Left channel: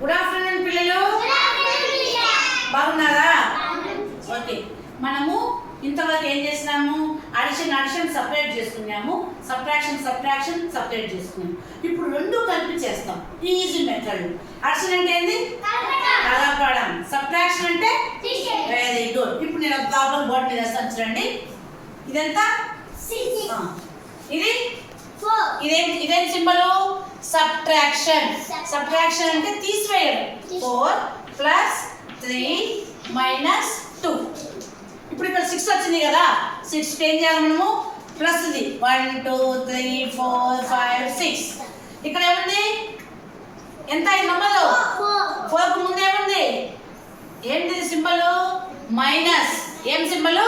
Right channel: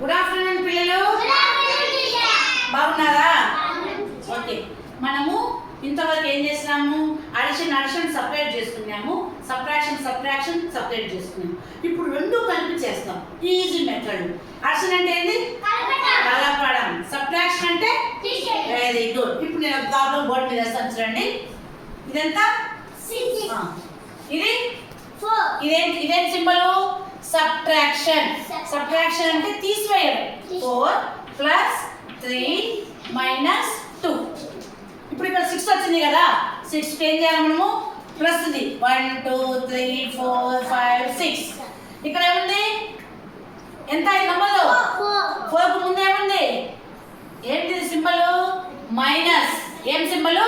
Good afternoon పిల్లలు. బాగున్నారా? Okay, మనము ఇంతవరకు ఏం చేసినాము? అడిషన్ సపరేట్ చేసుకున్నాము, సబ్ట్రాక్షన్ సపరేట్ చేసుకున్నాము. ఇప్పుడు రెండు కలిపి చేస్తాం. Easy method. అడిషన్ అంటే ఏంది? కలపడం. సబ్ట్రాక్షన్ అంటే వెరీ గుడ్. ఇప్పుడు నేను ప్రాబ్లం బోర్డు మీద వేస్తాను చూడండి. ఇదంతా ఇది ఇదేం సింబల్? సబ్ట్రాక్షన్. సబ్ట్రాక్షన్ అంటే తీసివేయడం. 4 + 3 - 2. ఇప్పుడు ఇక్కడ 6 వచ్చింది కదా, 6 ఏం చేయాలి మనము? ప్లస్ ఇది 1 2 3 4 5 6. ఇక్కడ ఏముంది? ఎంత ఈ నెంబర్? 4 కు ముందు ఏముంది? ఏంటిది సింబల్? మైనస్. ఏం సింబల్?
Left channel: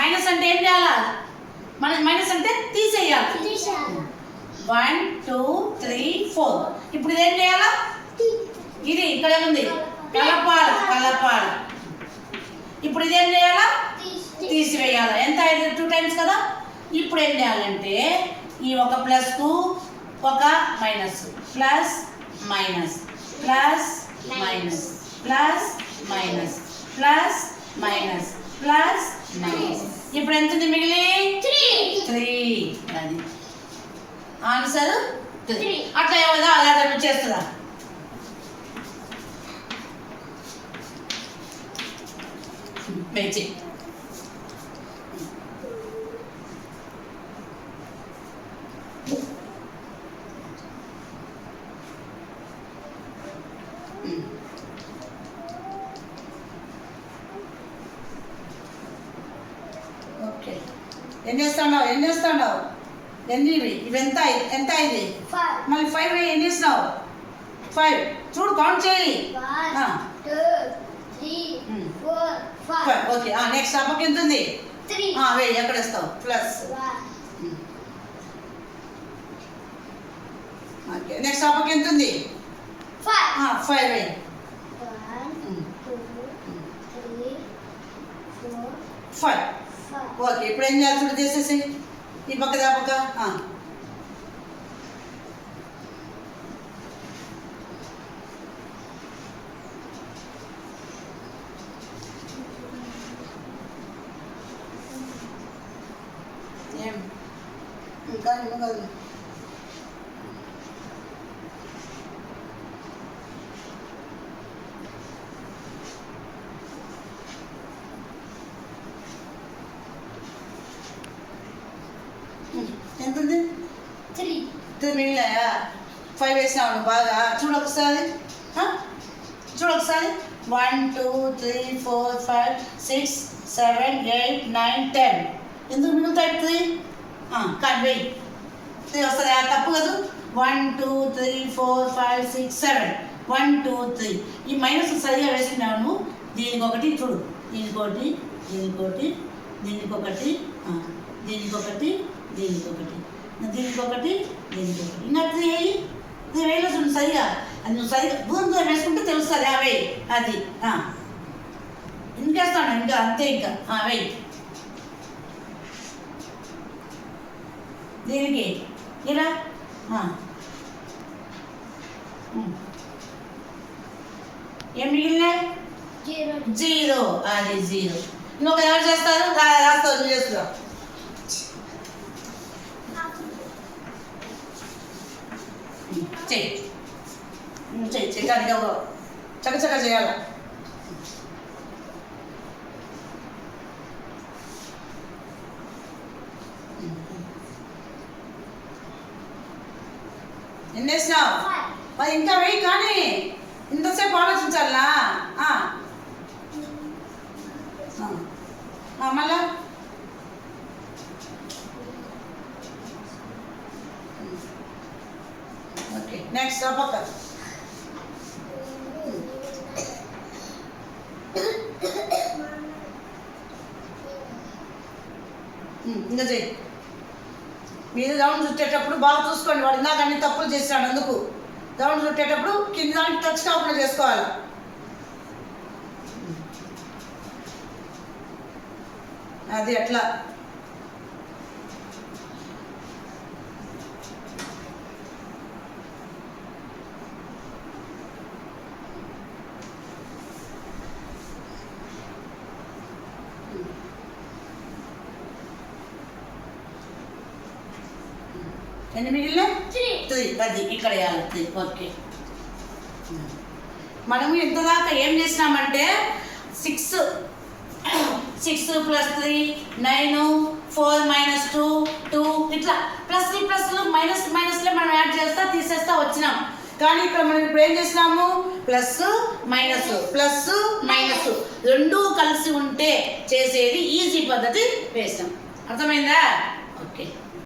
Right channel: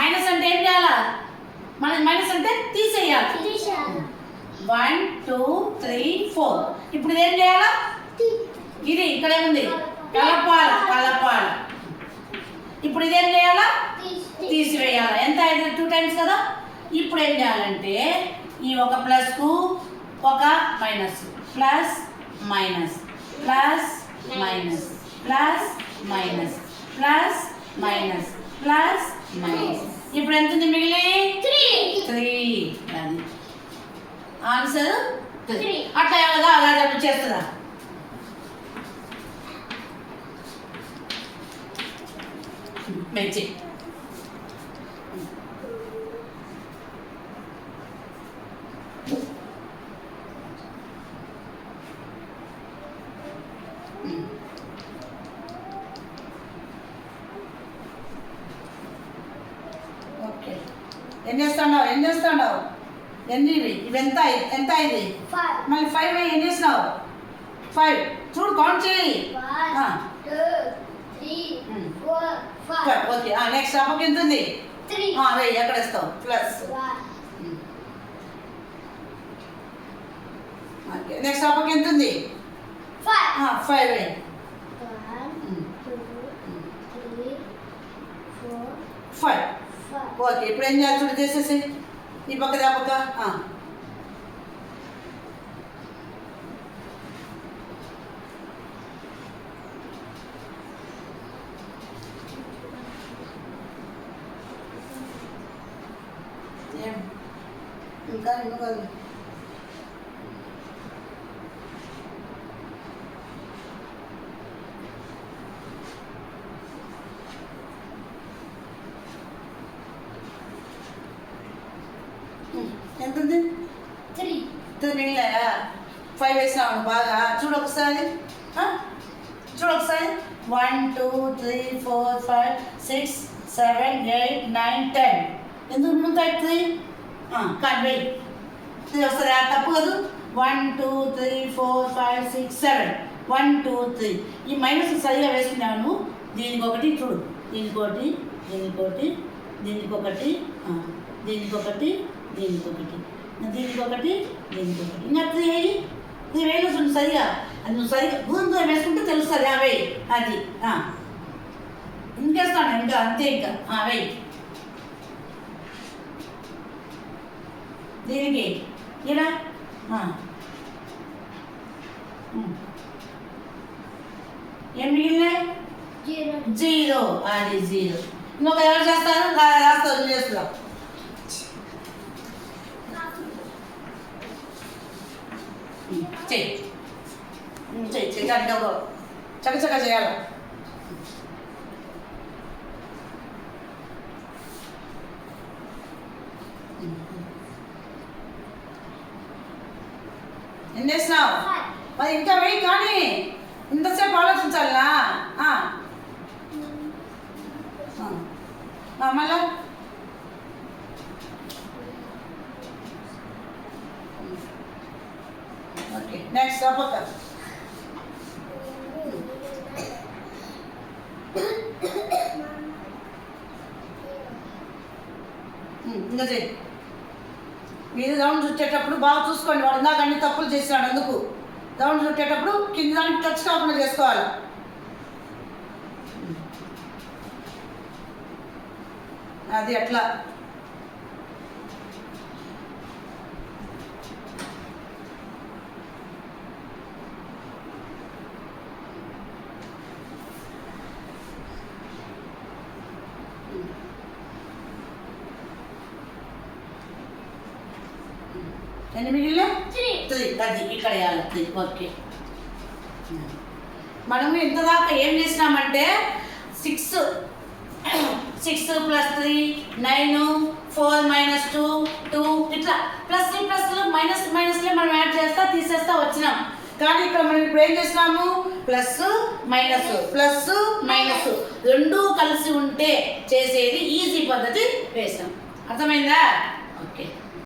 మైనస్ అంటే ఏం చేయాలా? మన మైనస్ అంటే తీసేయాలి. 1 2 3 4. ఇప్పుడు ఇదేం చేయాలా? ఇది ఇక్కడ ఏముంది? కలపాలి. ఇప్పుడు ఇదేం చేయాలా? తీసివేయాలి. ఎంత? 2 టైమ్స్ కదా. ఇప్పుడు ఏం చేయాలంటే ఈ ఒక ప్లస్ కు ఒక minus, plus minus, plus minus, plus minus, plus minus, plus minus. ఇప్పుడు ఎంత ఉంది మిగిలి? 3. అది ఆన్సర్ 3. అట్లా ఏమదా అలా చేస్తుందా? మంచి. ఓకే, ఏం చేస్తాండావు? ఎన్ని ఇవి? ఎంత ఇది? మళ్ళీ 5 ఏం చేసినావు? 5 చూడు, కౌంట్ చేయి. 1 2 3 4 5. ఓకే, నెక్స్ట్ అప్పకి ఎంత ఉంది? 3. వెయ్యి ఎక్కడ వేస్తావు? ప్లస్. ఓకే, నెక్స్ట్ అప్పకి ఎంత ఉంది? 5 వేయి. 1 2 3 4 5. ఓకే, ఇప్పుడు ఏం చేయాలి చూడు, చేసేసి ఈ పక్కది ఆ పక్క. ఏం ఇంకా కాదు. ఎంత ఉంది? 3. మిగిలినాయా? 5 వేసినావు బాగా. చూడు ఒకసారి. 1 2 3 4 5 6 7 8 9 10. ఎందుకు మిగులుతాయి 3? కానీ వెయ్యి 3 వస్తుంది. తప్పు కదా. 1 2 3 4 5 6 7 1 2 3. ఈ మైనస్ సరిగా వేసినాను. దీనికి ఒకటి చూడు, దీనికొకటి, దీనికొకటి, దీనికొకటి, దీనికొకటి, దీనికొకటి, దీనికొకటి, దీనికొకటి. ఇంకా 3 వేయి. 3 వేలు చూడు సరిగా. అది నువ్వు సరిగా దూరం వేసుకుంటే తెలుస్తుంది. వెయ్యి. అది ఇంకేస్తాను ఇంకా అంతే. ఇంకా వెయ్యి. దీనికి ఇలా ఏం మిగిలినాయి? 0. అది 0. ఇంకొక ఎవరు చేస్తారు? రాస్తావు, చేస్తున్నావు. చెయ్యి కానీ చక్కచక్క చేయాల. ఎన్ని వేసినావు? మరి ఇంకా వెయ్యి. కానీ ఇంతసేపు ఆలోచించాలా? మళ్ళా ఓకే, నెక్స్ట్ పక్క. ఇంకా చెయ్యి. మీరు రౌండ్ చుట్టేటప్పుడు బాగా చూసుకోండి. వాడు ఇందాక అన్ని తప్పులు చేశాడు. అందుకు రౌండ్ చుట్టేటప్పుడు కింద దానికి టచ్ కాకుండా చేసుకోవాలి. అది అట్లా. ఎన్ని మిగిలిన 3. 3 10 ఇక్కడ వేయాలి 3 ఓకే. మనము ఎంత దాకా ఏం చేసినామంటే 6 + 3 9 4 - 2 2 ఇట్లా ప్లస్లు మైనస్లే మనం యాడ్ చేస్తా తీసేస్తా వచ్చినాం. కానీ ఇక్కడ మనం ఇప్పుడు ఏం చేసినాము ప్లస్ మైనస్ రెండూ కలిసి ఉంటే చేసేది ఈజీ పద్ధతి వేసాం. అర్థమైందా?